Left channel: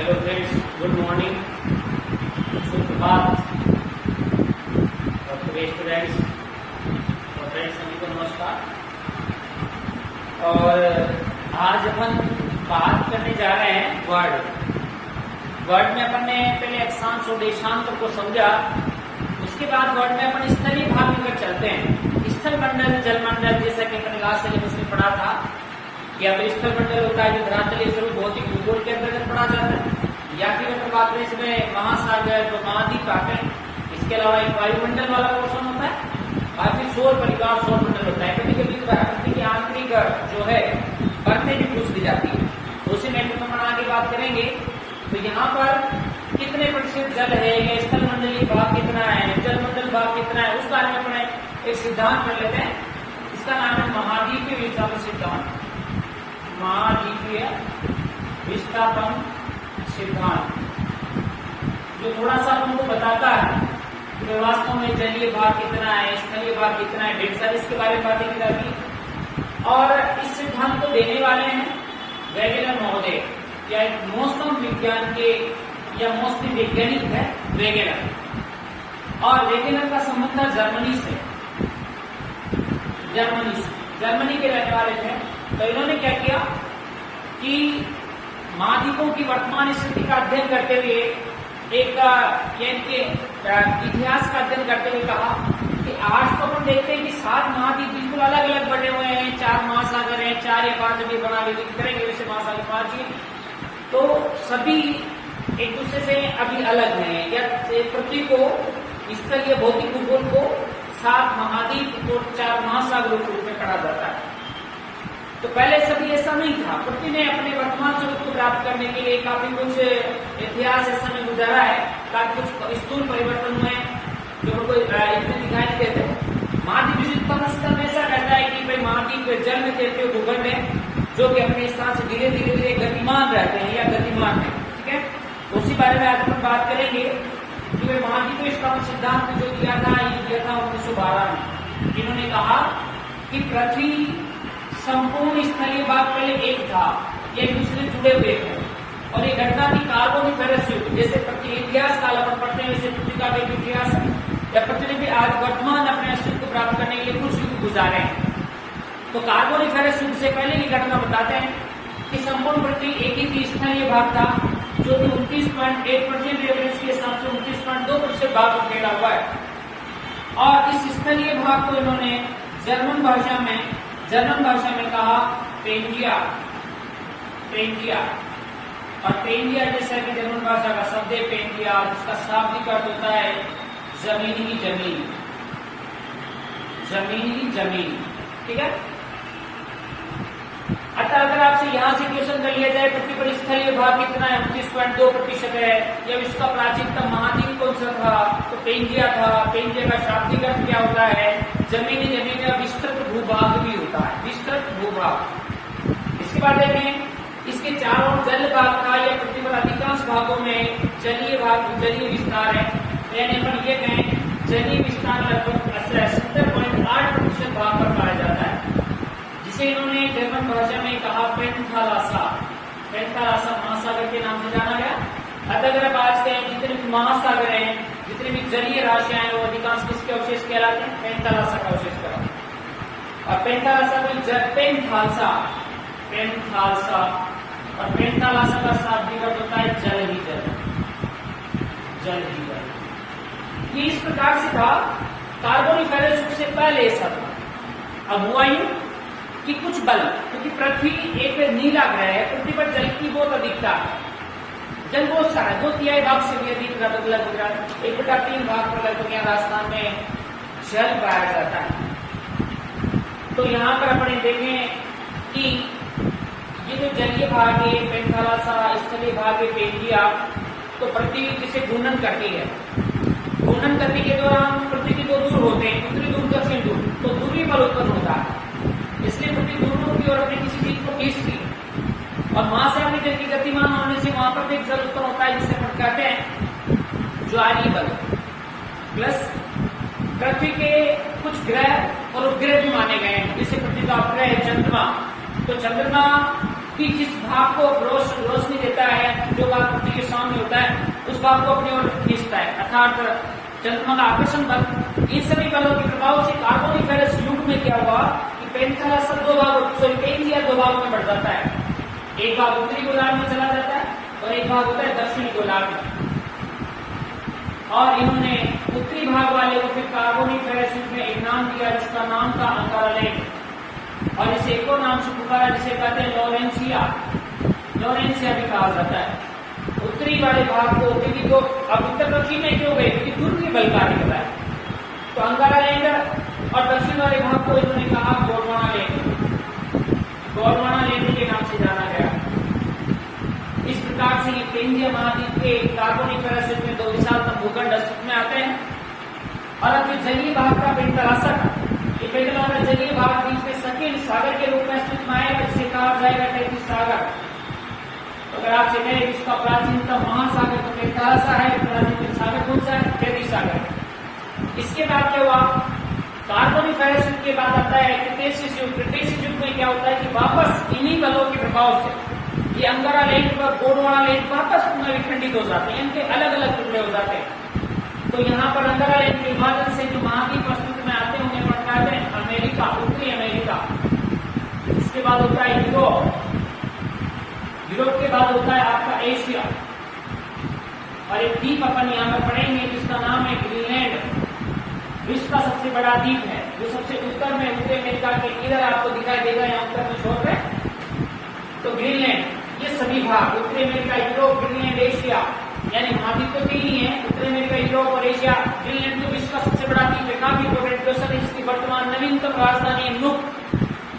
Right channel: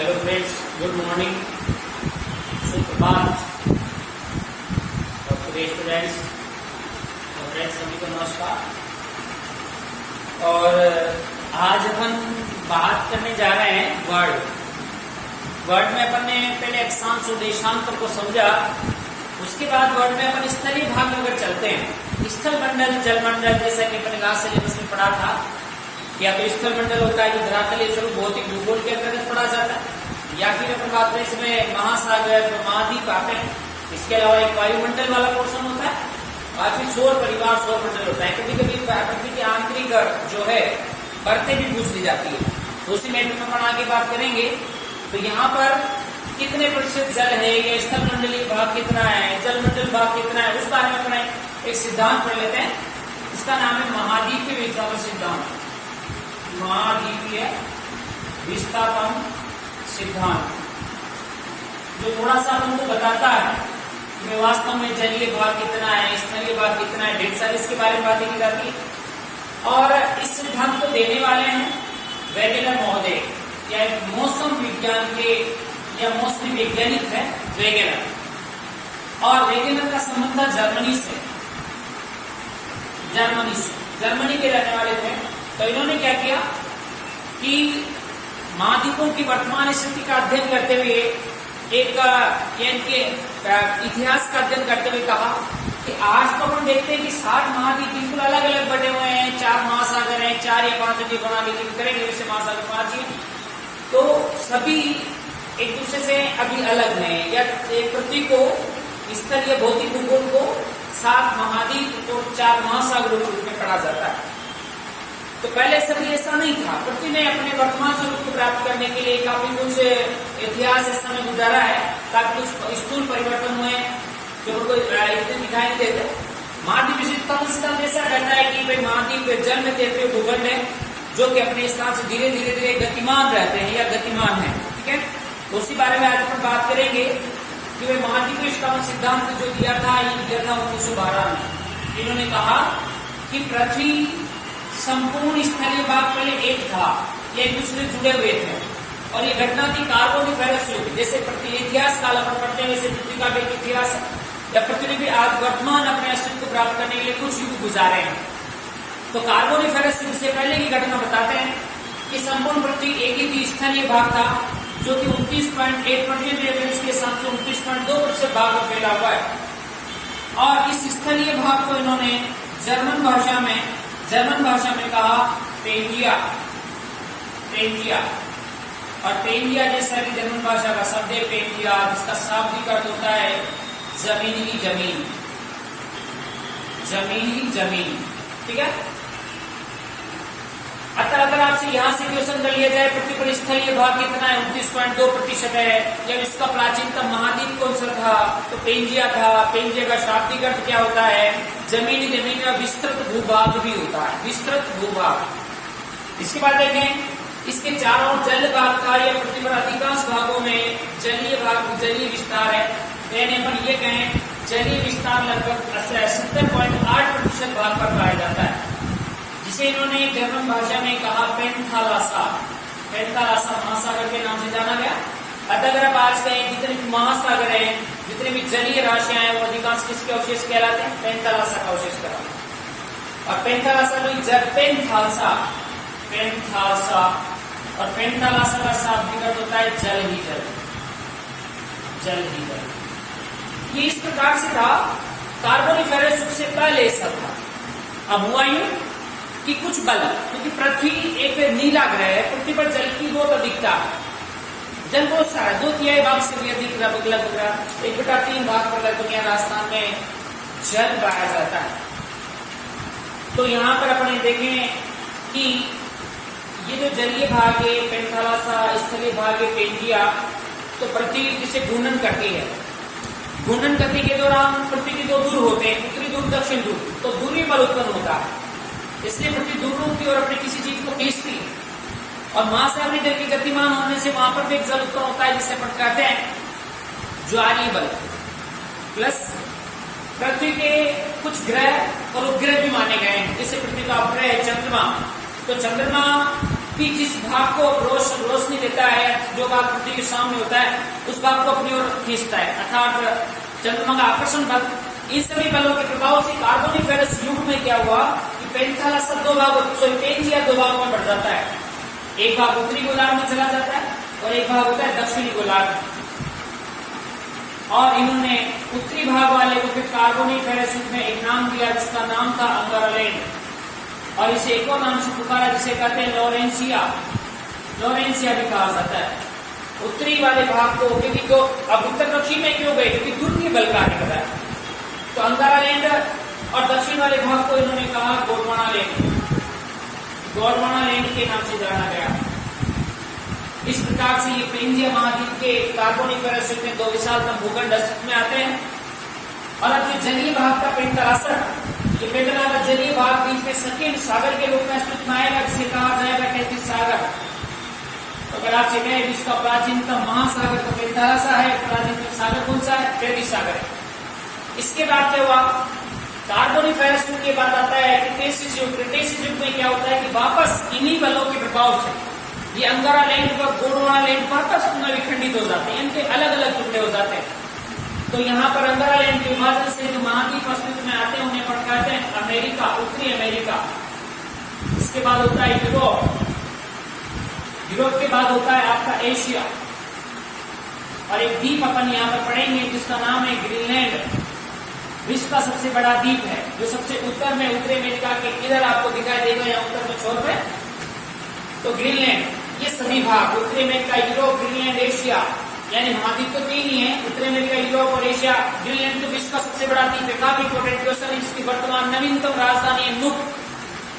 Hello friends, good morning, सुप्रभात और students और फ्रेंड्स सभी को नमस्कार। और आज अपन बात करने जा रहे हैं वर्ड में अपन ने पहले अक्षांश और देशांतर को समझा। उसके बाद वर्ड में अपन स्थलीय भाग में अगर चलते हैं, स्थल मंडल, जल मंडल, जैसा कि अपन लास्ट सिलेबस में पढ़ा था, या तो स्थल मंडल होता है जो धरातलीय स्वरूप भौतिक भूगोल के अंतर्गत पढ़ा जाता है, या फिर अपन बात करें इसमें महासागर तो महाद्वीप आते हैं। इसके अलावा एक वायुमंडल वाला पोर्शन होता है और फिर सौर परिवार, सौर मंडल होता है। कभी कभी पृथ्वी की आंतरिक जो है परतें भी पूछ ली जाती है, तो उसी में अपन आगे बात करेंगे। तो यहाँ पर कितने प्रतिशत जल है, या स्थल मंडलीय भाग कितना है, जल मंडल भाग कितना है, उस बारे में अपने एक सिद्धांत पढ़ लेते हैं। इसका नाम है महाद्वीपीय विस्थापन सिद्धांत। महाद्वीपीय विस्थापन सिद्धांत जो थोड़ा सा हमको बताता है कि वास्तव में जलीय भाग कितना है, स्थलीय भाग कितना है, ढेर सारी इसके बारे में बातें की जाती है। और इस सिद्धांत को देने वाले हैं वेगेनर महोदय, या मौसम विज्ञान के या मौसमी वैज्ञानिक है वेगेनर। और वेगेनर का संबंध था जर्मनी से, जर्मनी के रहने वाले थे। तो इन्होंने क्या किया कि महाद्वीपों की वर्तमान स्थिति का अध्ययन करते हुए एक इतिहास का अध्ययन करते हुए कहा कि आज तो हम देखते हैं कि 7 महाद्वीप बिल्कुल अलग अलग बटे हुए हैं, 4 महासागर हैं, 4 या 5 अभी बना के करेंगे वैसे महासागर 5 ही, तो सभी एक दूसरे से अभी अलग हैं। या पृथ्वी को स्थलीय भौतिक भूगोल को 7 महाद्वीप और 4 महासागरों के रूप में पढ़ा जाता है। तो पहले सभी ऐसा नहीं था। पृथ्वी ने अपने वर्तमान स्वरूप को प्राप्त करने के लिए काफी कुछ इतिहास इस समय गुजारा है, काफी कुछ स्थूल परिवर्तन हुए जो उनको इतने दिखाई नहीं देते। महाद्वीप विशिष्टता सिद्धांत ऐसा कहता है कि भाई महाद्वीप जल में तैरते हुए भूखंड है जो कि अपने स्थान से धीरे धीरे गतिमान रहते हैं या गतिमान है। ठीक है, तो उसी बारे में आज अपन बात करेंगे कि वे महाद्वीप विस्थापन सिद्धांत जो दिया था, ये दिया था 1912 में। इन्होंने कहा कि पृथ्वी संपूर्ण स्थलीय भाग पहले एक था, ये एक दूसरे जुड़े हुए थे, और ये घटना थी कार्बोनिफेरस युग। जैसे पृथ्वी इतिहास काल अपन पढ़ते हैं वैसे पृथ्वी का भी इतिहास है, या पृथ्वी ने भी आज वर्तमान अपने अस्तित्व को प्राप्त करने के लिए कुछ युग गुजारे हैं। तो कार्बोनिफेरस युग से पहले की घटना बताते हैं कि संपूर्ण पृथ्वी एक ही थी, स्थलीय भाग था जो कि 29.8% रेफरेंस के हिसाब से 29.2% भाग में फैला हुआ है। और इस स्थलीय भाग को इन्होंने जर्मन भाषा में कहा पेंजिया। और पेंजिया जैसा कि जर्मन भाषा का शब्द है पेंजिया, जिसका शाब्दिक अर्थ होता है जमीनी जमीन। ठीक है, अतः अगर आपसे यहाँ से क्वेश्चन कर लिया जाए पृथ्वी पर स्थलीय भाग कितना है, 29.2% है, या इसका प्राचीनतम महाद्वीप कौन सा था, तो पेंजिया था। पेंजिया का शाब्दिक अर्थ क्या होता है, जमीन या विस्तृत भूभाग भी होता है, विस्तृत भूभाग। इसके बाद देखें, इसके चारों जल भाग था, या पृथ्वी पर अधिकांश भागों में जलीय विस्तार है। यानी अपन ये कहें जलीय विस्तार लगभग 70.8% भाग पर पाया जाता है, जिसे इन्होंने जर्मन भाषा में कहा पेंथालासा महासागर के नाम से जाना गया। अतः अगर आप आज कहें जितने भी महासागर हैं, जितने भी जलीय राशियां हैं, वो अधिकांश किसके अवशेष कहलाते हैं, पेंथालासा का अवशेष कहलाते। और पेंथालासा और पेंथालासा का शाब्दिक अर्थ होता है जल ही जल। ये इस प्रकार से था, कार्बोनिफेरस युग से पहले ऐसा था। अब हुआ यूं कि कुछ बल, क्योंकि पृथ्वी एक नीला ग्रह है, पृथ्वी पर जल की बहुत अधिकता है, जल बहुत सारा, 2/3 भाग से भी अधिक लगभग 1/3 भाग पर दुनिया राजस्थान में जल पाया जाता है। तो यहाँ पर अपन देखें कि ये जो जलीय भाग है पेंथालासा, स्थलीय भाग है पेंजिया, तो पृथ्वी जिसे घूर्णन करती है, घूर्णन करने के दौरान पृथ्वी के 2 ध्रुव होते हैं, उत्तरी ध्रुव दक्षिण ध्रुव, तो ध्रुवीय बल उत्पन्न होता है। इसलिए पृथ्वी ध्रुवों की ओर अपनी किसी चीज को खींचती है, और महासागरीय जल के गतिमान होने से वहां पर भी जल उत्पन्न होता है, जिसे अपन कहते हैं ज्वारीय बल। प्लस पृथ्वी के कुछ ग्रह और उपग्रह भी माने गए हैं, जैसे पृथ्वी का उपग्रह है चंद्रमा, तो चंद्रमा कि जिस भाग को रोशनी देता है, जो भाग पृथ्वी के सामने होता है, उस भाग को अपनी ओर खींचता है, अर्थात चंद्रमा का आकर्षण बल। इन सभी बलों के प्रभाव से कार्बोनिफेरस युग में क्या हुआ कि पेंथालासा पेंजिया दो भागों में बढ़ जाता है। एक भाग उत्तरी गोलार्ध में चला जाता है और एक भाग होता है दक्षिणी गोलार्ध में। और इन्होंने उत्तरी भाग वाले को फिर कार्बोनिफेरस युग में एक नाम दिया जिसका नाम था अंगारालैंड, और इसे एक और नाम से पुकारा जिसे कहते हैं लॉरेंसिया भी कहा जाता है। उत्तरी वाले भाग को, क्योंकि जो अब उत्तर दक्षिण में क्यों गए, क्योंकि दूर के बल कार्य कर रहा है, तो अंगारालैंड और दक्षिण वाले भाग को इन्होंने कहा गोंडवाना लैंड के नाम से जाना गया। इस प्रकार से ये पेंजिया महाद्वीप के कार्बोनिफेरस युग में दो विशालतम भूखंड अस्तित्व में आते हैं। और अब जो जलीय भाग का पेंथालासा, ये पेंथालासा जलीय भाग बीच में संकीर्ण सागर के रूप में अस्तित्व में आएगा, जिसे कहा जाएगा तैतीस सागर। तो अगर आपसे कहें इसका प्राचीनतम महासागर तो पेंथालासा है, प्राचीनतम सागर कौन सा है, तैतीस सागर है। इसके बाद क्या हुआ, कार्बोनिफेरस युग के बाद आता है क्रिटेशियस युग। क्रिटेशियस युग में क्या होता है कि वापस इन्हीं बलों के प्रभाव से ये अंगारालैंड व गोंडवानालैंड वापस पुनः विखंडित हो जाते हैं, इनके अलग अलग टुकड़े हो जाते हैं। तो यहाँ पर अंगारालैंड के विभाजन से जो महाद्वीप अस्तित्व में आते हैं उन्हें कहते हैं अमेरिका, उत्तरी अमेरिका। इसके बाद होता है यूरोप, यूरोप के बाद होता है आपका एशिया, और एक द्वीप अपन यहाँ पर पढ़ेंगे जिसका नाम है ग्रीनलैंड। विश्व का सबसे बड़ा द्वीप है जो सबसे उत्तर में, उत्तरी अमेरिका के इधर आपको दिखाई देगा, यहाँ उत्तर में छोर पे, तो ग्रीनलैंड। ये सभी भाग उत्तरी अमेरिका, यूरोप, ग्रीनलैंड, एशिया, यानी महाद्वीप तो तीन ही है, उत्तरी अमेरिका, यूरोप और एशिया। ग्रीनलैंड तो विश्व का सबसे बड़ा द्वीप है, काफी इंपोर्टेंट क्वेश्चन है, जिसकी वर्तमान नवीनतम राजधानी है नुक।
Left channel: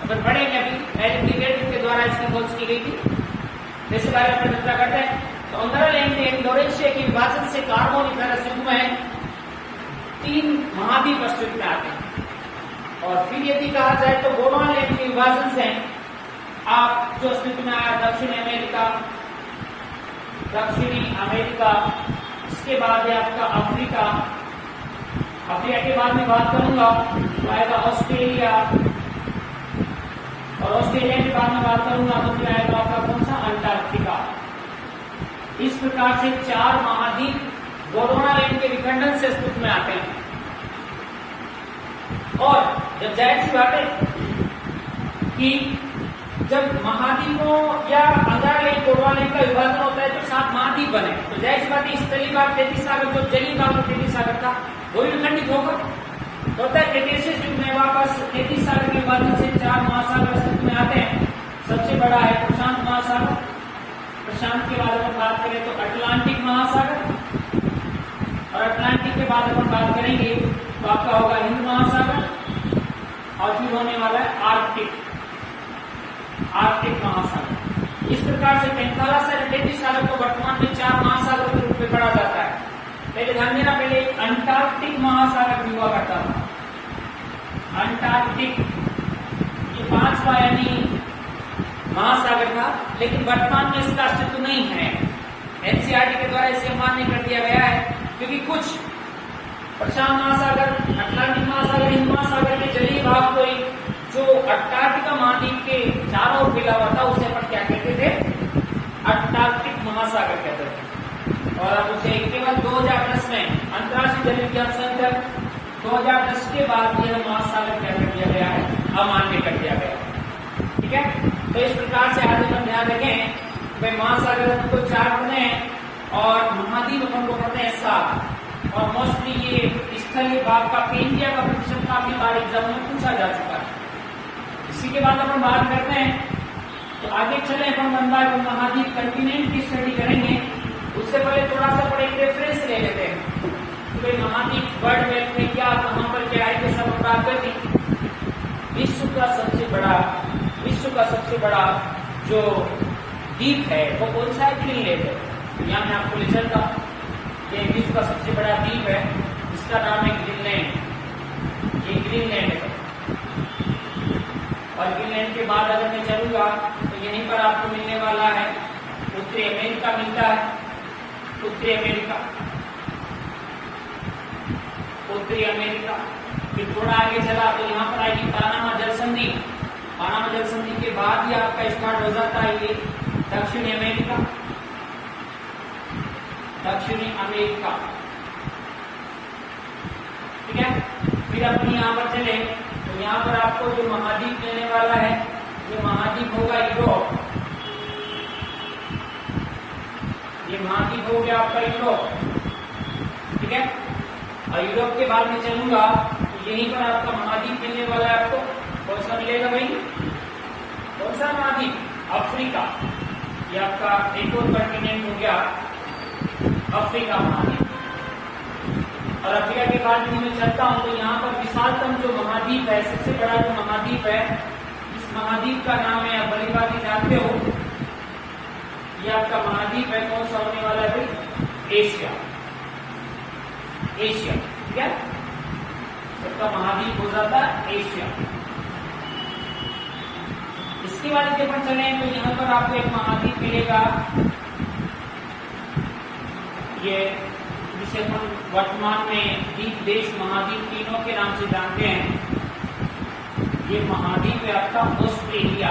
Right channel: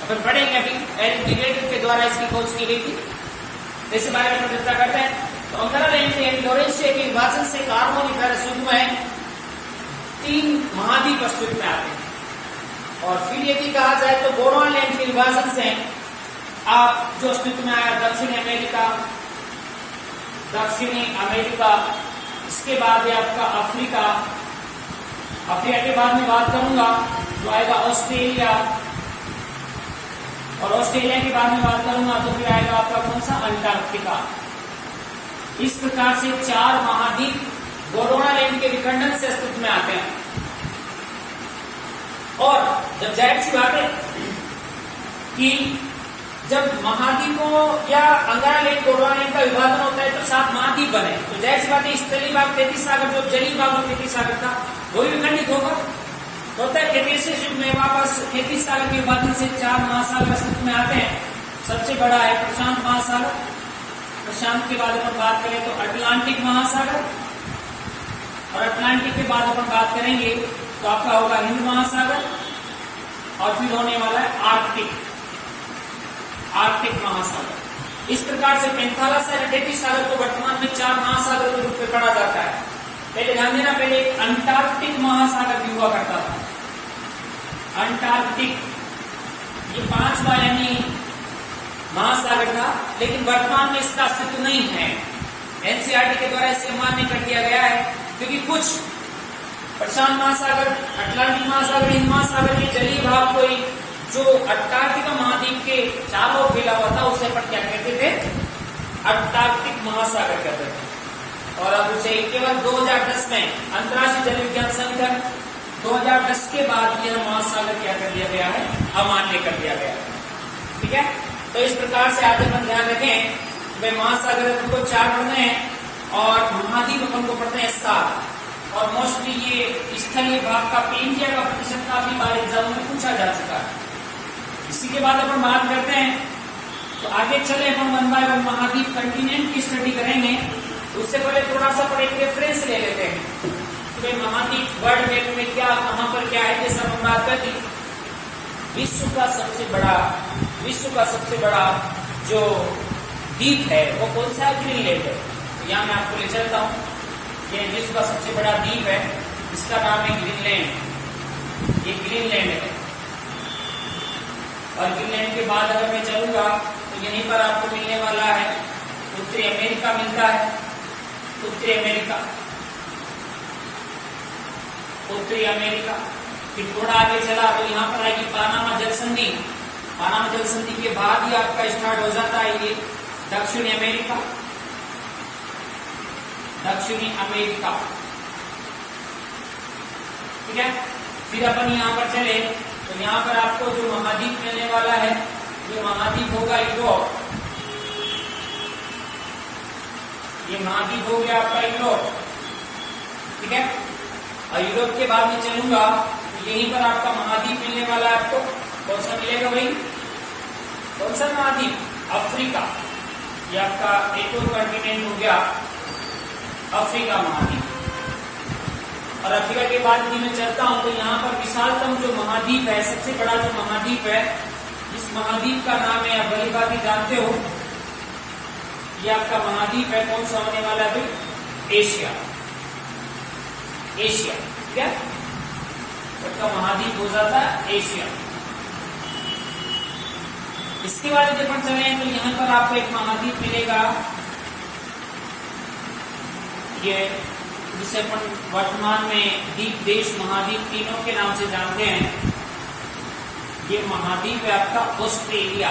अपन पढ़ेंगे अभी एरिक के द्वारा इसकी खोज की गई थी, जैसे बारे में चर्चा करते हैं। तो अंगारालैंड यानी लॉरेंसिया के विभाजन से कार्बोनिफेरस युग में तीन महाद्वीप अस्तित्व में आते हैं। और फिर यदि कहा जाए तो गोंडवानालैंड के विभाजन से आप जो अस्तित्व में आया दक्षिणी अमेरिका, इसके बाद है आपका अफ्रीका के बाद में बात करूंगा तो आएगा ऑस्ट्रेलिया, और ऑस्ट्रेलिया के बाद में बात करूंगा तो फिर आएगा आपका कौन सा, अंटार्कटिका। इस प्रकार से चार महाद्वीप गोंडवानालैंड के विखंडन से अस्तित्व में आते हैं। और जब जाहिर सी बात है कि जब महाद्वीपों या अंगारालैंड गोंडवानालैंड का विभाजन होता है तो 7 महाद्वीप बने, तो जाहिर सी बात है स्थलीय भाग 33 सागर, जो जलीय भाग में 33 सागर था वो भी विखंडित होगा। तो होता है क्रिटेशियस युग में वापस 33 सागर के विभाजन से 4 महासागर अस्तित्व में आते हैं। सबसे बड़ा है प्रशांत महासागर, प्रशांत के बाद अपन बात करें तो अटलांटिक महासागर, और अटलांटिक के बाद अपन बात करेंगे तो आपका होगा हिंद महासागर, और फिर होने वाला है आर्कटिक महासागर। इस प्रकार से पेंथालासा तैतीस सागर को वर्तमान में 4 महासागर के रूप में पढ़ा जाता है। पहले ध्यान देना, पहले एक अंटार्कटिक महासागर भी हुआ करता था। अंटार्कटिक ये 5वां यानी महासागर था, लेकिन वर्तमान में इसका अस्तित्व नहीं है। एनसीईआरटी के द्वारा इसे मान्य कर दिया गया है, क्योंकि कुछ प्रशांत महासागर, अटलांटिक महासागर, हिंद महासागर के जलीय भाग को ही जो अंटार्कटिका महाद्वीप के चारों ओर फैला हुआ था उसे अपन क्या कहते थे, अंटार्कटिक महासागर कहते थे। और अब उसे केवल 2010 में अंतर्राष्ट्रीय जल विज्ञान संगठन 2010 के बाद यह महासागर क्या कर दिया गया है, अमान्य कर दिया गया। ठीक है, तो इस प्रकार से आज अपन ध्यान रखें, भाई महासागर अपन को 4 पढ़ने हैं और महाद्वीप अपन को पढ़ते हैं 7। और मोस्टली ये स्थलीय भाग का पेंजिया का प्रतिशत काफी बार एग्जाम में पूछा जा चुका है। इसी के बाद अपन बात करते हैं, तो आगे चले अपन 1 बाय 1 महाद्वीप कंटिनेंट की स्टडी करेंगे। उससे पहले थोड़ा सा अपन एक रेफरेंस ले लेते हैं, तो महाद्वीप वर्ल्ड मैप में क्या, कहां पर क्या है, ये सब बात करके विश्व का सबसे बड़ा जो द्वीप है वो कौन सा है, ग्रीनलैंड है। तो यहाँ मैं आपको ले चलता हूँ, ये विश्व का सबसे बड़ा द्वीप है, इसका नाम है ग्रीनलैंड। ये ग्रीनलैंड है, और ग्रीनलैंड के बाद अगर मैं चलूंगा तो यहीं पर आपको मिलने वाला है उत्तरी अमेरिका मिलता है, उत्तरी अमेरिका। फिर थोड़ा आगे चला तो यहाँ पर आएगी पानामा जल संधि, पानामा जल संधि के बाद ही आपका स्टार्ट हो जाता है ये दक्षिणी अमेरिका। दक्षिणी अमेरिका, ठीक है। फिर अपन यहाँ पर चले तो यहाँ पर आपको जो महाद्वीप मिलने वाला है, ये महाद्वीप होगा यूरोप। ये महाद्वीप हो गया आपका यूरोप, ठीक है। और यूरोप के बाद में चलूंगा तो यहीं पर आपका महाद्वीप मिलने वाला है आपको। कौन सा मिलेगा भाई? कौन सा महाद्वीप? अफ्रीका। ये आपका एक और कॉन्टिनेंट हो गया अफ्रीका महाद्वीप। और अफ्रीका के बाद यदि मैं चलता हूं तो यहाँ पर विशालतम जो महाद्वीप है, सबसे बड़ा जो महाद्वीप है, इस महाद्वीप का नाम है, आप भली भांति जानते हो, ये आपका महाद्वीप है। कौन सा होने वाला है भाई? एशिया। एशिया, ठीक है। सबका महाद्वीप हो जाता है एशिया। इसके बाद यदि अपन चले तो यहाँ पर आपको एक महाद्वीप मिलेगा, ये जिसे अपन वर्तमान में द्वीप देश महाद्वीप तीनों के नाम से जानते हैं। ये महाद्वीप है आपका ऑस्ट्रेलिया।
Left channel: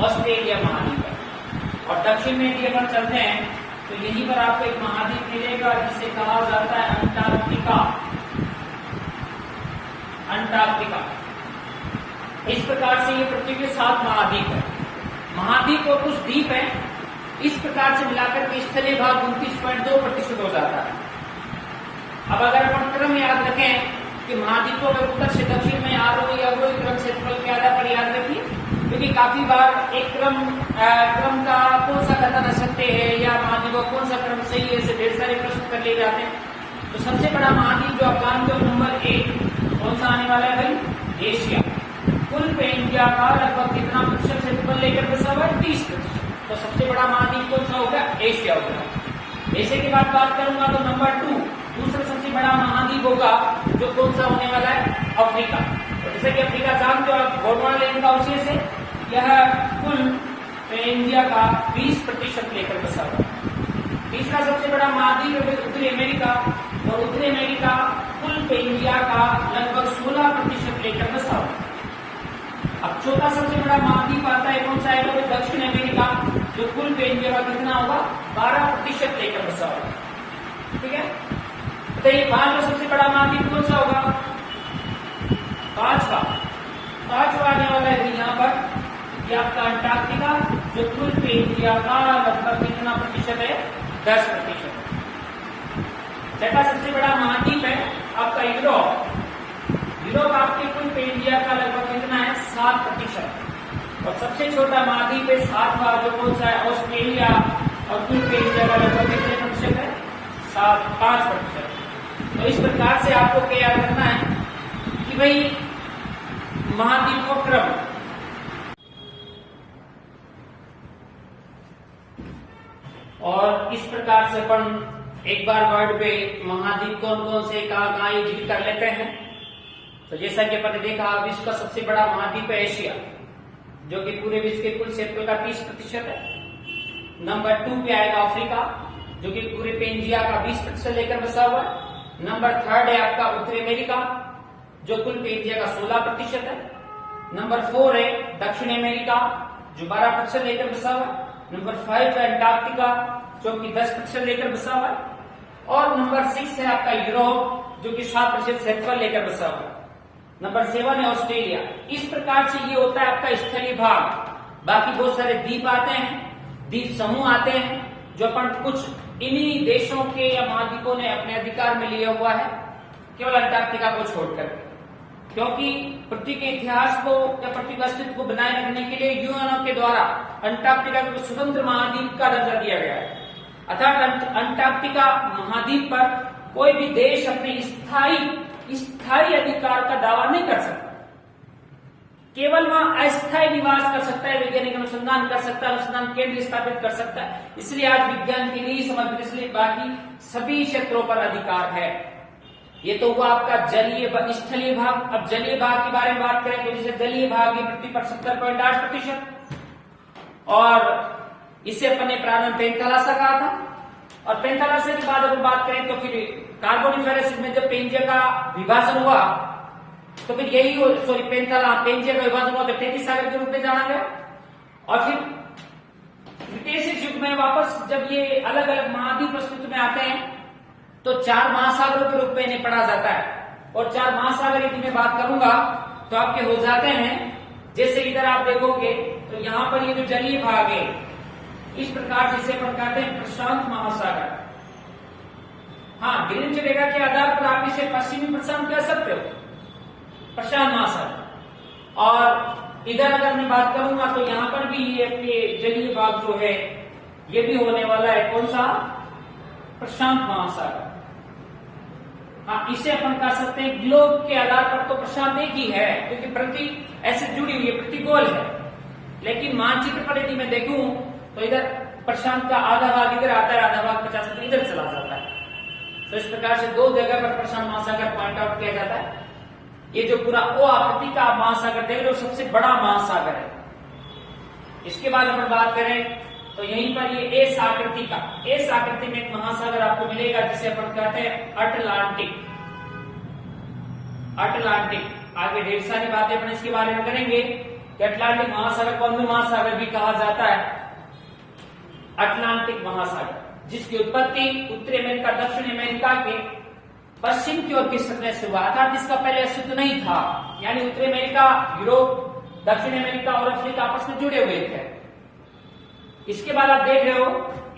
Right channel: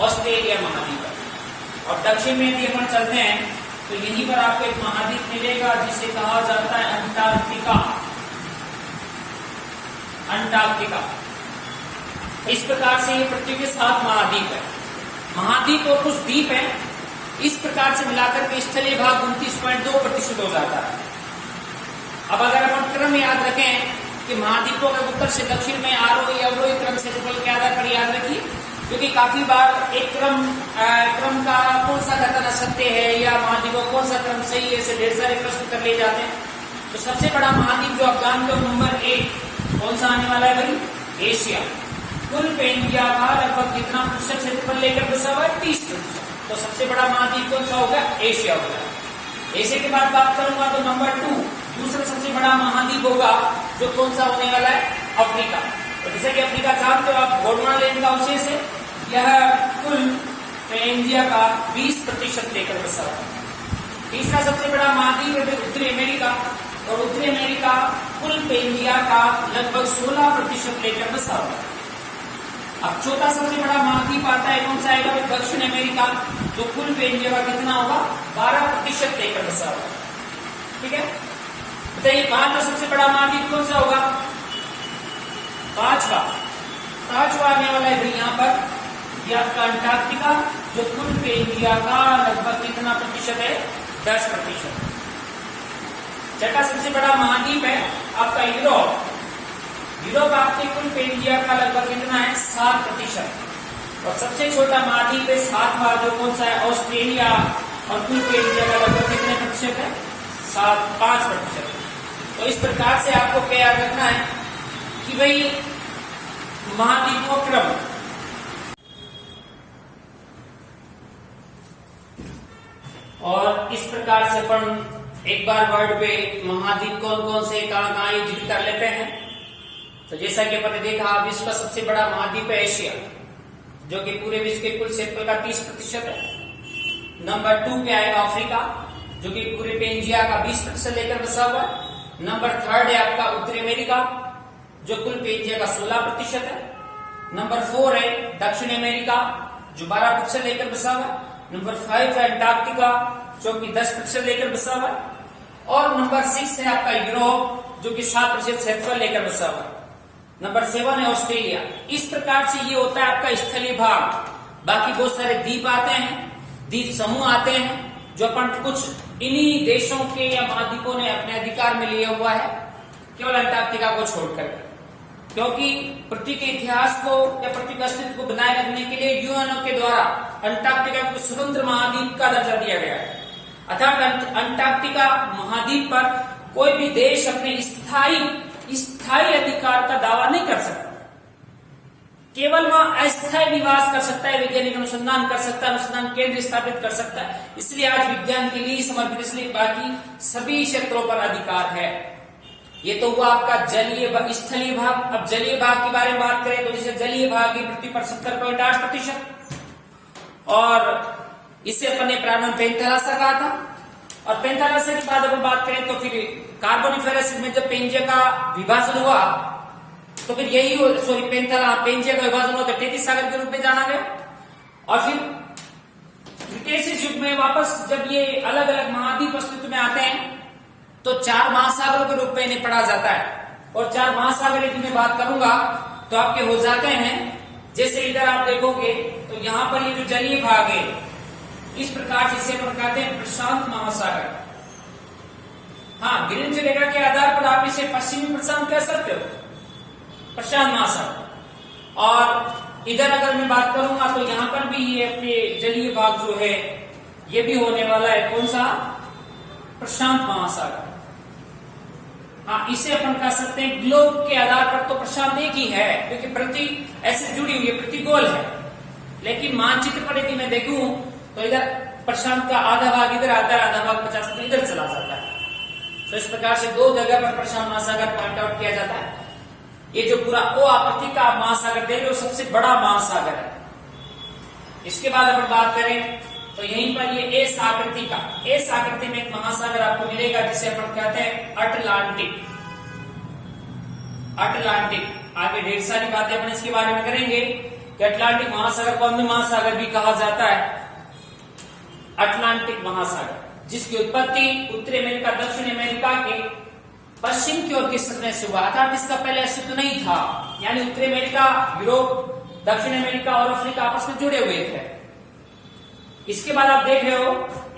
ऑस्ट्रेलिया महाद्वीप है। और दक्षिण में यदि अपन चलते हैं तो यहीं पर आपको एक महाद्वीप मिलेगा जिसे कहा जाता है अंटार्कटिका। अंटार्कटिका। इस प्रकार से ये पृथ्वी के 7 महाद्वीप है। महाद्वीप और कुछ द्वीप है, इस प्रकार से मिलाकर के स्थलीय भाग 29.2% हो जाता है। अब अगर अपन क्रम याद रखें कि महाद्वीपों के उत्तर से दक्षिण में आरोही अवरोही क्रम क्षेत्रफल के आधार पर याद रखिए, क्योंकि काफी बार एक क्रम का कौन सा कथन असत्य है या महाद्वीपों कौन सा क्रम सही है, ऐसे ढेर सारे प्रश्न कर लिए जाते हैं। तो सबसे बड़ा महाद्वीप जो आप जानते हो नंबर 1 कौन सा आने वाला है भाई? एशिया। कुल इंडिया का लगभग कितना प्रतिशत क्षेत्रफल लेकर बसा हुआ है? 30%। तो सबसे बड़ा महाद्वीप कौन सा होगा? एशिया होगा। एशिया के बाद बात करूंगा तो नंबर 2 दूसरा सबसे बड़ा महाद्वीप होगा जो कौन सा होने वाला है? अफ्रीका। तो जैसे कि अफ्रीका जानते हो आप, गोंडवाना का अवशेष है, यह कुल इंडिया का 20% लेकर बसा हुआ है। तीसरा सबसे बड़ा महाद्वीप है उत्तरी अमेरिका, और उत्तरी अमेरिका कुल इंडिया का लगभग 16% लेकर बसा हुआ है। अब चौथा सबसे बड़ा महाद्वीप आता है, कौन सा आएगा? तो दक्षिण अमेरिका, जो कुल इंडिया का कितना होगा? 12% लेकर बसा होगा, ठीक है। तो ये 5वां सबसे बड़ा महाद्वीप कौन सा होगा? 5वां आने वाला है भाई यहाँ पर, ये आपका अंटार्कटिका, जो कुल इंडिया का लगभग कितना प्रतिशत है? 10%। छठा सबसे बड़ा महाद्वीप है आपका यूरोप। यूरोप आपके कुल इंडिया का लगभग कितना है? 7%। और सबसे छोटा महाद्वीप है 7वां, जो कौन सा है? ऑस्ट्रेलिया, और कुल इंडिया का लगभग कितने प्रतिशत है? 5%। तो इस प्रकार से आपको क्या याद रखना है कि भाई महाद्वीपों क्रम, और इस प्रकार से अपन एक बार वर्ड पे महाद्वीप कौन कौन से कहाँ ये जिक्र कर लेते हैं। तो जैसा कि अपन ने देखा, विश्व का सबसे बड़ा महाद्वीप है एशिया, जो कि पूरे विश्व के कुल क्षेत्रफल का 30% है। नंबर 2 पे आएगा अफ्रीका, जो कि पूरे एशिया का 20% लेकर बसा हुआ है। नंबर 3 है आपका उत्तरी अमेरिका, जो कुल एशिया का 16% है। नंबर 4 है दक्षिण अमेरिका, जो 12% लेकर बसा हुआ है। नंबर 5 है अंटार्कटिका, जो कि 10% लेकर बसा हुआ है। और नंबर 6 है आपका यूरोप, जो कि 7% क्षेत्रफल लेकर बसा हुआ है। नंबर 7 है ऑस्ट्रेलिया। इस प्रकार से ये होता है आपका स्थलीय भाग। बाकी बहुत सारे द्वीप आते हैं, द्वीप समूह आते हैं, जो अपन कुछ इन्हीं देशों के या महाद्वीपों ने अपने अधिकार में लिया हुआ है, केवल अंटार्कटिका को छोड़कर, क्योंकि पृथ्वी के इतिहास को या पृथ्वी के अस्तित्व को बनाए रखने के लिए यूएनओ के द्वारा अंटार्कटिका को स्वतंत्र महाद्वीप का दर्जा दिया गया है। अर्थात अंटार्कटिका महाद्वीप पर कोई भी देश अपने स्थायी अधिकार का दावा नहीं कर सकता, केवल वहां अस्थायी निवास कर सकता है, वैज्ञानिक अनुसंधान कर सकता है, अनुसंधान केंद्र स्थापित कर सकता है। इसलिए आज विज्ञान के लिए समर्पित, इसलिए बाकी सभी क्षेत्रों पर अधिकार है। ये तो हुआ आपका जलीय स्थलीय भाग। अब जलीय भाग के बारे में बात करें तो जैसे जलीय भाग की पृथ्वी पर 70.8%, और इसे अपने प्रारंभ पेंथालासा कहा था। और पेंथालासा के बाद अगर बात करें तो फिर कार्बोनिफेरस में जब पेंजिया का विभाजन हुआ तो तो फिर यही हो, सॉरी पेंजिया का विभाजन हुआ तो टेथिस सागर के रूप में जाना गया। और फिर क्रिटेशियस युग में वापस जब ये अलग अलग महाद्वीप अस्तित्व में आते हैं तो 4 महासागरों के रूप में इन्हें पढ़ा जाता है। और 4 महासागर यदि मैं बात करूंगा तो आपके हो जाते हैं, जैसे इधर आप देखोगे तो यहां पर ये जो जलीय भाग है इस प्रकार से इसे अपन कहते हैं प्रशांत महासागर। हाँ, ग्रीनिच रेखा के आधार पर आप इसे पश्चिमी प्रशांत कह सकते हो, प्रशांत महासागर। और इधर अगर मैं बात करूंगा तो यहां पर भी ये अपने जलीय भाग जो है ये भी होने वाला है कौन सा, प्रशांत महासागर। हाँ, इसे अपन कह सकते हैं ग्लोब के आधार पर तो प्रशांत एक ही है क्योंकि पृथ्वी ऐसे जुड़ी हुई है, पृथ्वी गोल है। लेकिन मानचित्र पर यदि मैं देखूं तो इधर प्रशांत का आधा भाग इधर आता है, आधा भाग 50% इधर चला जाता है। तो इस प्रकार से 2 जगह पर प्रशांत महासागर पॉइंट आउट किया जाता है। ये जो पूरा ओ आकृति का महासागर देख लो सबसे बड़ा महासागर है। इसके बाद अगर बात करें तो यहीं पर ये एस आकृति का, एस आकृति में एक महासागर आपको मिलेगा जिसे अपन कहते हैं अटलांटिक। अटलांटिक आगे ढेर सारी बातें अपन इसके बारे में करेंगे कि अटलांटिक महासागर को अंध महासागर भी कहा जाता है। अटलांटिक महासागर जिसकी उत्पत्ति उत्तरी अमेरिका दक्षिण अमेरिका के पश्चिम की ओर खिसकने से हुआ, अर्थात इसका पहले अस्तित्व नहीं था। यानी उत्तरी अमेरिका, यूरोप, दक्षिण अमेरिका और अफ्रीका आपस में जुड़े हुए थे। इसके बाद आप देख रहे हो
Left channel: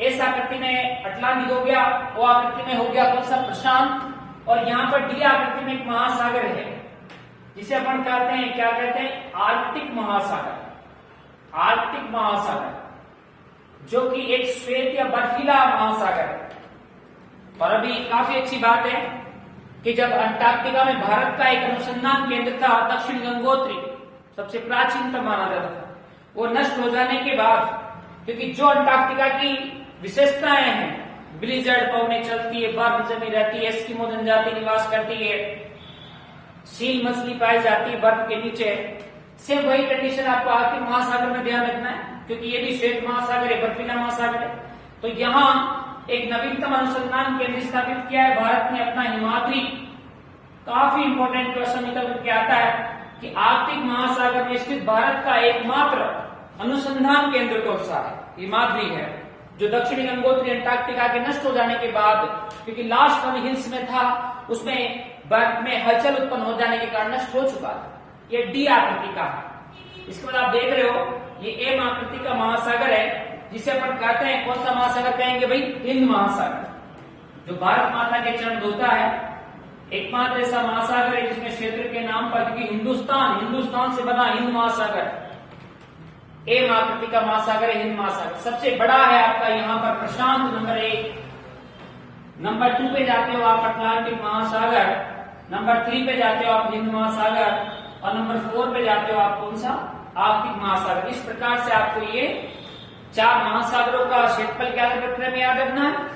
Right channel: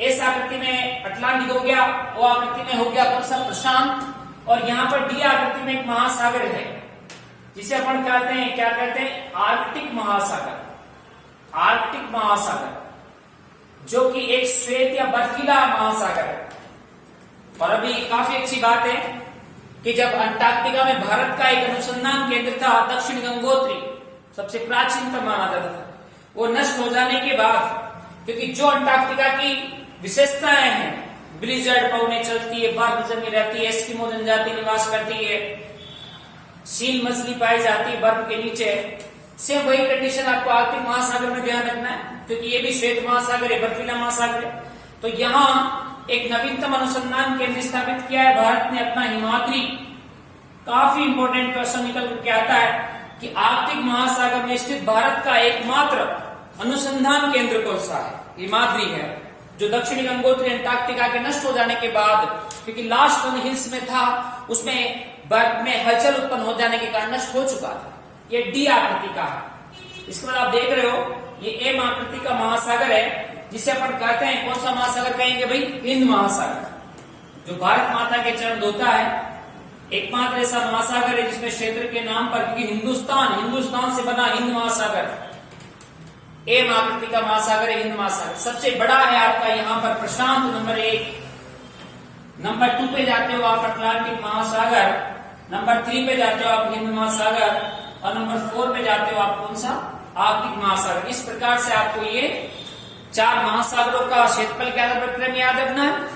एस आकृति में अटलांटिक हो गया, ओ आकृति में हो गया कौन सा, प्रशांत। और यहाँ पर डी आकृति में एक महासागर है जिसे अपन कहते हैं, क्या कहते हैं, आर्कटिक महासागर। आर्कटिक महासागर जो कि एक श्वेत या बर्फीला महासागर है। और अभी काफी अच्छी बात है कि जब अंटार्कटिका में भारत का एक अनुसंधान केंद्र था, दक्षिण गंगोत्री, सबसे प्राचीनतम माना जाता था, वो नष्ट हो जाने के बाद, क्योंकि जो अंटार्कटिका की विशेषताएं हैं, ब्लिजर्ड पौने चलती है, बर्फ जमी रहती है, एस्किमो जनजाति निवास करती है, सील मछली पाई जाती है बर्फ के नीचे, सेम वही कंडीशन आपको आर्कटिक महासागर में ध्यान रखना है क्योंकि ये भी श्वेत महासागर है, बर्फीला महासागर है। तो यहाँ एक नवीनतम अनुसंधान केंद्र स्थापित किया है भारत ने अपना, हिमाद्री। काफी इंपॉर्टेंट क्वेश्चन निकल करके आता है कि आर्कटिक महासागर में स्थित भारत का एकमात्र अनुसंधान केंद्र कौन सा है, हिमाद्री है, जो दक्षिणी गंगोत्री अंटार्कटिका के नष्ट हो जाने के बाद, क्योंकि लास्ट हिल्स में था, उसमें बर्फ में हलचल उत्पन्न हो जाने के कारण नष्ट हो चुका था। ये डी आकृति का है। इसके बाद आप देख रहे हो ये एम आकृति का महासागर है जिसे अपन कहते हैं कौन सा महासागर कहेंगे भाई, हिंद महासागर, जो भारत माता के चरण धोता है। एकमात्र ऐसा महासागर है जिसमें क्षेत्र के नाम पर, क्योंकि हिंदुस्तान से बना हिंद महासागर, एम आकृति का महासागर है हिंद महासागर। सबसे बड़ा है आपका यहाँ पर प्रशांत नंबर 1, नंबर 2 पे जाते हो आप अटलांटिक महासागर, नंबर 3 पे जाते हो आप हिंद महासागर, और नंबर 4 पे जाते हो आप कौन सा, आर्कटिक महासागर। इस प्रकार से आपको ये 4 महासागरों का क्षेत्रफल के आधार पर क्रम याद रखना है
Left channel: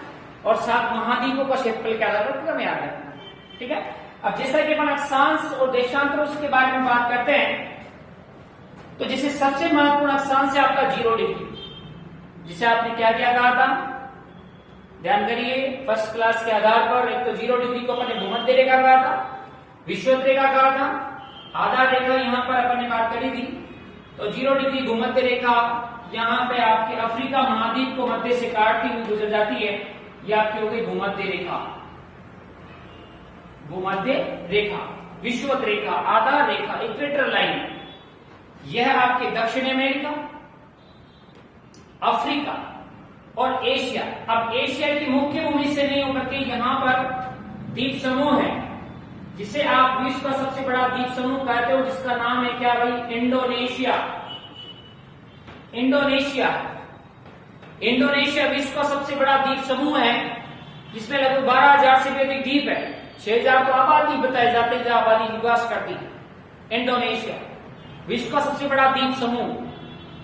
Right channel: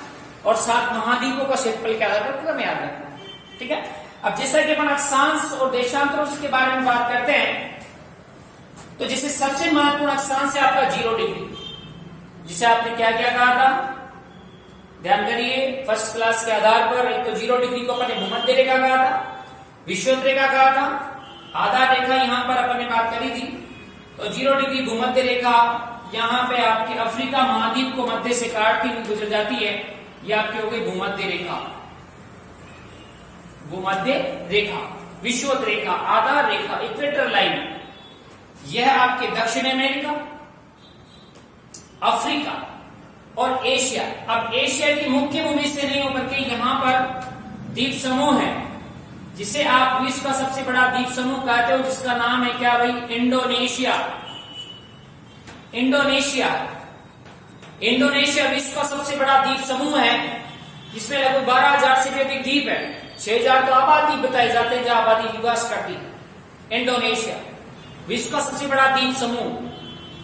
और 7 महाद्वीपों का क्षेत्रफल के आधार पर क्रम याद रखना है। ठीक है। अब जैसा कि अपन अक्षांश और देशांतरों के बारे में बात करते हैं तो जैसे सबसे महत्वपूर्ण अक्षांश है आपका 0 डिग्री, जिसे आपने क्या क्या कहा था, ध्यान करिए फर्स्ट क्लास के आधार पर। एक तो 0 डिग्री को अपन ने भूमध्य रेखा कहा था, विषुवत रेखा कहा था, आधार रेखा यहाँ पर अपन ने बात करी थी। तो 0 डिग्री भूमध्य रेखा यहाँ पे आपके अफ्रीका महाद्वीप को मध्य से काटती हुई गुजर जाती है, ये आपकी हो गई भूमध्य रेखा। भूमध्य रेखा, विषुवत रेखा, आधार रेखा, इक्वेटर लाइन, यह आपके दक्षिण अमेरिका, अफ्रीका और एशिया। अब एशिया की मुख्य भूमि से नहीं होकर के यहाँ पर द्वीप समूह है जिसे आप विश्व का सबसे बड़ा द्वीप समूह कहते हो, जिसका नाम है क्या भाई, इंडोनेशिया। इंडोनेशिया विश्व का सबसे बड़ा द्वीप समूह है जिसमें लगभग 12,000 से भी अधिक द्वीप है। 6,000 तो आबादी बताए जाते हैं जहां आबादी निवास करती है। इंडोनेशिया विश्व का सबसे बड़ा द्वीप समूह,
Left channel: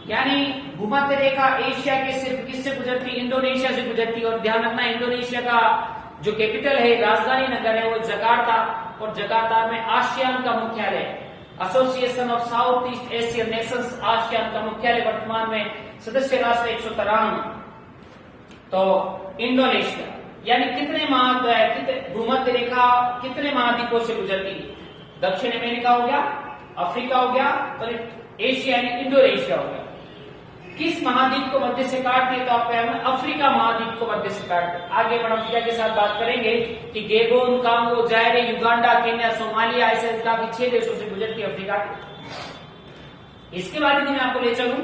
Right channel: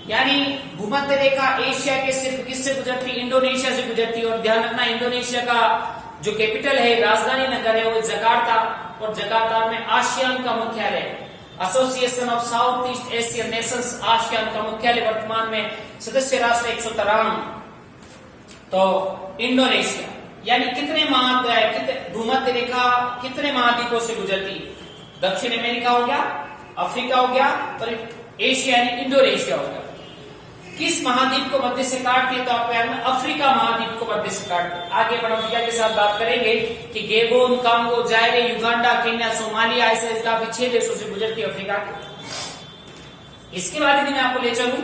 यानी भूमध्य रेखा एशिया के सिर्फ किससे गुजरती, इंडोनेशिया से गुजरती। और ध्यान रखना इंडोनेशिया का जो कैपिटल है, राजधानी नगर है, वो जकार्ता, और जकार्ता में आसियान का मुख्यालय, association of south east Asian Nations, ASEAN का मुख्यालय वर्तमान में सदस्य राष्ट्र 193। तो इंडोनेशिया यानी कितने भूमध्य रेखा कितने महाद्वीपों से गुजरती, दक्षिण अमेरिका हो गया, अफ्रीका हो गया और एशिया यानी इंडोनेशिया हो गया। किस महाद्वीप को मध्य से काटती है? तो आपको याद है अफ्रीका महाद्वीप को मध्य से काटती है। आगे अपन अफ्रीका के साथ बात करेंगे कि गेबोन, कांगो, जायरे, युगांडा, केन्या, सोमालिया ऐसे काफी 6 देशों से गुजरती है अफ्रीका को। इसके बाद यदि मैं आपको ले चलूं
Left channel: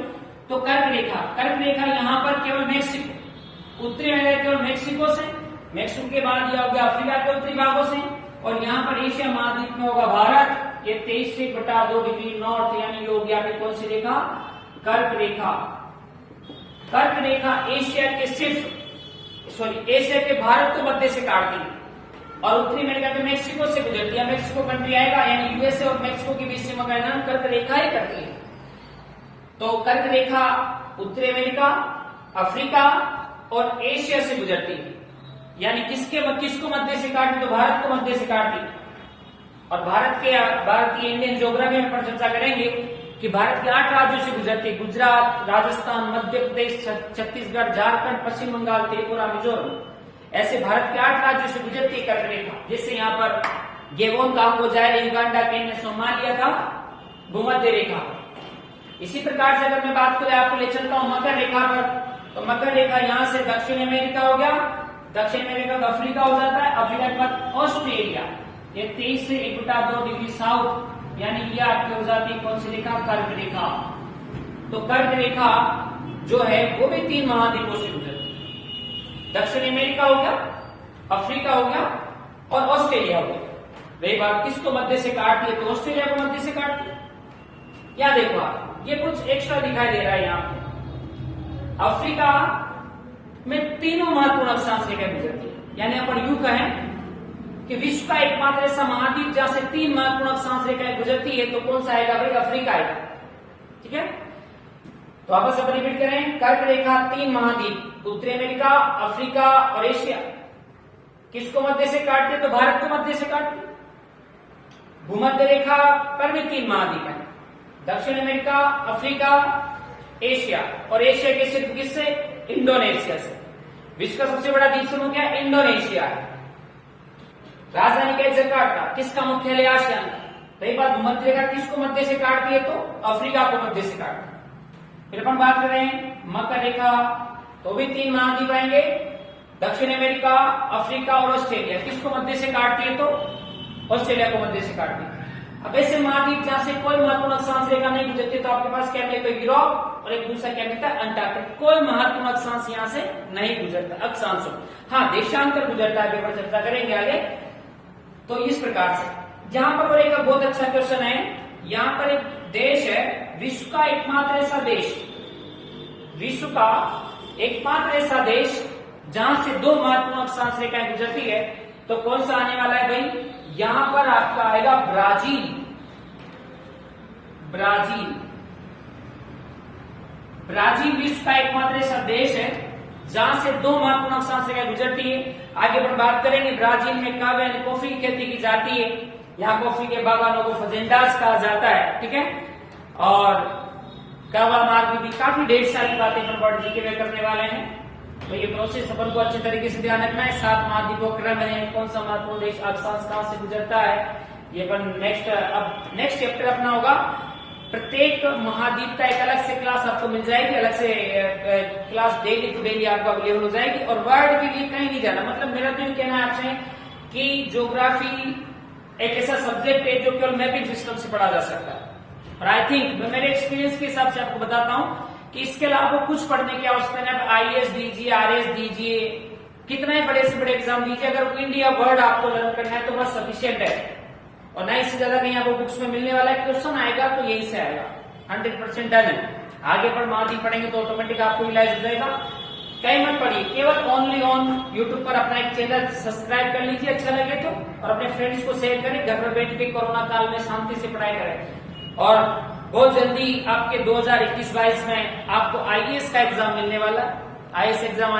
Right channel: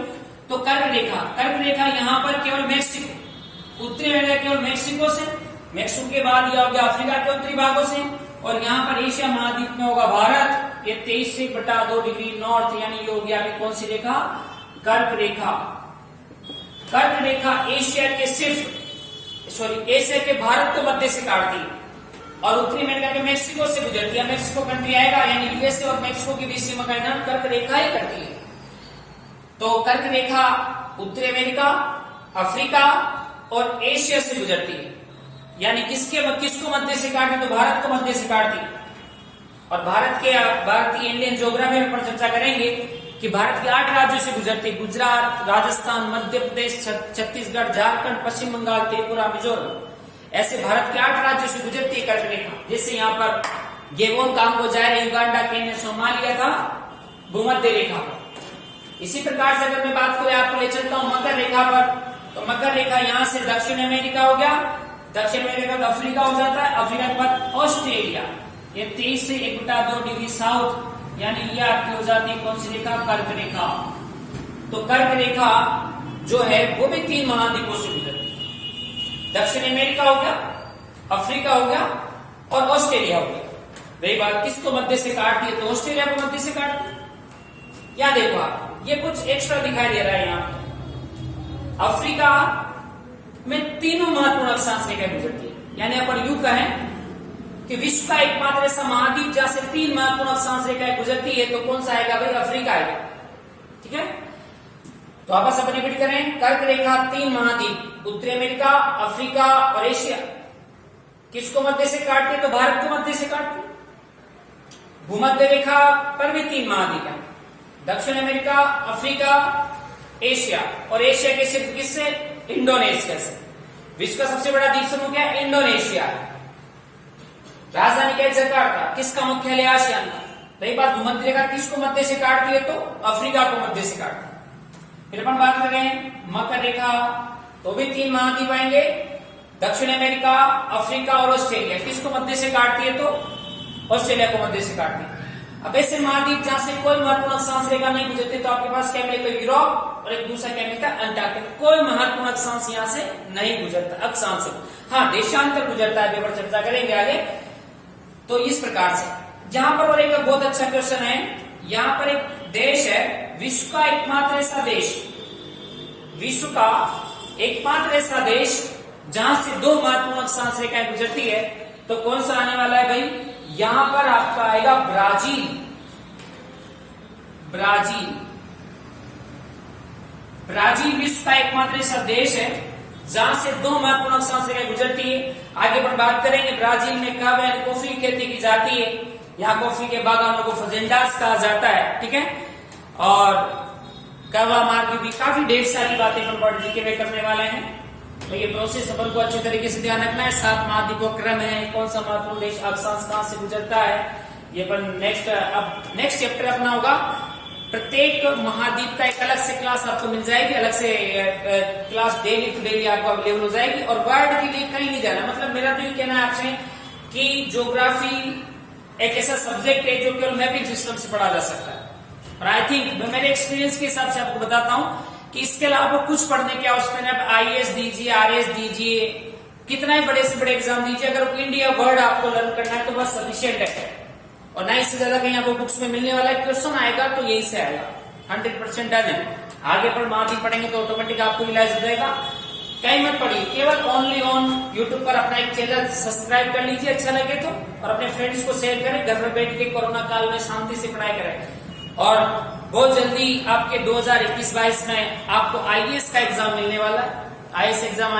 तो कर्क रेखा यहाँ पर केवल मैक्सिको, उत्तरी अमेरिका केवल मैक्सिको से, मैक्सिको के बाद यह हो गया अफ्रीका के उत्तरी भागों से, और यहाँ पर एशिया महाद्वीप में होगा भारत। ये 23.2 डिग्री नॉर्थ यानी ये हो गया कौन सी रेखा? कर्क रेखा। कर्क रेखा एशिया के भारत को मध्य से काटती है और उत्तरी अमेरिका के मैक्सिको से गुजरती है। मैक्सिको कंट्री आएगा यानी यूएसए और मैक्सिको के बीच सीमा का निर्धारण कर्क रेखा ही करती है। तो कर्क रेखा उत्तरी अमेरिका, अफ्रीका और एशिया से गुजरती है, यानी किसको मध्य से काटती? तो भारत को मध्य से काटती है। और भारतीय इंडियन ज्योग्राफी में पर चर्चा करेंगे कि भारत के 8 राज्यों से गुजरती है। गुजरात, राजस्थान, मध्य प्रदेश, छत्तीसगढ़, झारखंड, पश्चिम बंगाल, त्रिपुरा, मिजोरम, ऐसे भारत के 8 राज्यों से गुजरती है कर्क रेखा। जैसे यहाँ पर गेबोन, कांगो, जायरे, युगांडा, केन्या, सोमालिया था भूमध्य रेखा। इसी प्रकार से अगर मैं बात करूं आपको ले चलता हूं मकर रेखा पर, तो मकर रेखा यहां से दक्षिण अमेरिका हो गया, दक्षिण अमेरिका का अफ्रीका हो जाता है, अफ्रीका के बाद ऑस्ट्रेलिया, ये 23 से 1/2 डिग्री साउथ यानी ये आपकी हो जाती है कौन सी रेखा? कर्क रेखा। तो कर्क रेखा जो है वो भी 3 महाद्वीपों से गुजरती है। दक्षिण अमेरिका हो गया, अफ्रीका हो गया और ऑस्ट्रेलिया हो गया। वही बात किसको मध्य से काटती है? तो ऑस्ट्रेलिया को मध्य से काटती है। क्या देखो आप, ये कुछ एक्स्ट्रा दिखाई दे रहा है यहाँ पर। अफ्रीका में तीनों महत्वपूर्ण अक्षांश रेखाएं गुजरती है, यानी यहाँ पर यूं कहें कि विश्व का एकमात्र ऐसा महाद्वीप जहां से 3 महत्वपूर्ण अक्षांश रेखाएं गुजरती है, तो कौन सा आएगा भाई? अफ्रीका आएगा। ठीक है, तो आपस में रिपीट करें, कर्क रेखा 3 महाद्वीप, उत्तरी अमेरिका, अफ्रीका और एशिया, किसको मध्य से काटती है? तो भारत को मध्य से काटती है। भूमध्य रेखा पर भी 3 महाद्वीप है, दक्षिण अमेरिका, अफ्रीका, एशिया, और एशिया के सिर्फ किससे? इंडोनेशिया से। विश्व का सबसे बड़ा द्वीप समूह क्या है? इंडोनेशिया है। राजधानी क्या है? जकार्ता। किसका मुख्यालय? आसियान का। रही बात भूमध्य रेखा किसको मध्य से काटती है? तो अफ्रीका को मध्य से काटती है। फिर अपन बात कर रहे हैं मकर रेखा, तो भी 3 महाद्वीप आएंगे, दक्षिण अमेरिका, अफ्रीका और ऑस्ट्रेलिया, किसको मध्य से काटती है? तो ऑस्ट्रेलिया को मध्य से काटती है। अब ऐसे महाद्वीप जहां से कोई महत्वपूर्ण अक्षांश रेखा नहीं गुजरती, तो आपके पास क्या मिलेगा? तो यूरोप, और एक दूसरा क्या मिलता है? अंटार्कटिका। कोई महत्वपूर्ण अक्षांश यहाँ से नहीं गुजरता, अक्षांश। हाँ, देशांतर गुजरता है, पेपर चर्चा करेंगे आगे। तो इस प्रकार से जहां पर और एक बहुत अच्छा क्वेश्चन है, यहाँ पर एक देश है, विश्व का एकमात्र ऐसा देश, विश्व का एकमात्र ऐसा देश जहां से 2 महत्वपूर्ण अक्षांश रेखाएं गुजरती है, तो कौन सा आने वाला है भाई? यहां पर आपका आएगा ब्राजील। ब्राजील विश्व का एकमात्र ऐसा देश है जहां से 2 महत्वपूर्ण अक्षांश रेखाएं गुजरती है। आगे अपन बात करेंगे ब्राजील में कावा यानी कॉफी की खेती की जाती है, यहाँ कॉफी के बागानों को फजेंडास कहा जाता है। ठीक है, और कावा मार्ग भी काफी ढेर सारी बातें हम वर्ल्ड जीके में करने वाले हैं। तो ये प्रोसेस अपन को अच्छे तरीके से ध्यान रखना है। 7 महाद्वीपों क्रम है, कौन सा महत्वपूर्ण देश अक्षांश कहां से गुजरता है, ये अपन नेक्स्ट चैप्टर अपना होगा। प्रत्येक महाद्वीप का एक अलग से क्लास आपको मिल जाएगी, अलग से क्लास डेली टू डेली आपको अवेलेबल हो जाएगी। और वर्ल्ड के लिए कहीं नहीं जाना, मतलब मेरा तो ये कहना है आपसे कि ज्योग्राफी एक ऐसा सब्जेक्ट है जो केवल मैपिंग सिस्टम से पढ़ा जा सकता है। और आई थिंक मेरे एक्सपीरियंस के हिसाब से आपको बताता हूं कि इसके अलावा कुछ पढ़ने की आवश्यकता है। आप आईएएस दीजिए, आरएस दीजिए, कितना ही बड़े से बड़े एग्जाम दीजिए, अगर इंडिया वर्ड आपको लर्न करना है तो बस सफिशियंट है। और ना इससे ज्यादा कहीं आपको बुक्स में मिलने वाला है। क्वेश्चन आएगा तो यही से आएगा, 100% डन है। आगे पर महाद्वीप पढ़ेंगे तो ऑटोमेटिक आपको रियलाइज हो जाएगा। कहीं मत पढ़िए, केवल ओनली ऑन यूट्यूब पर अपना एक चैनल सब्सक्राइब कर लीजिए अच्छा लगे तो, और अपने फ्रेंड्स को शेयर करें। घर में बैठ के कोरोना काल में शांति से पढ़ाई करें। और बहुत जल्दी आपके 2021-22 में आपको आईएएस का एग्जाम मिलने वाला, आईएएस एग्जाम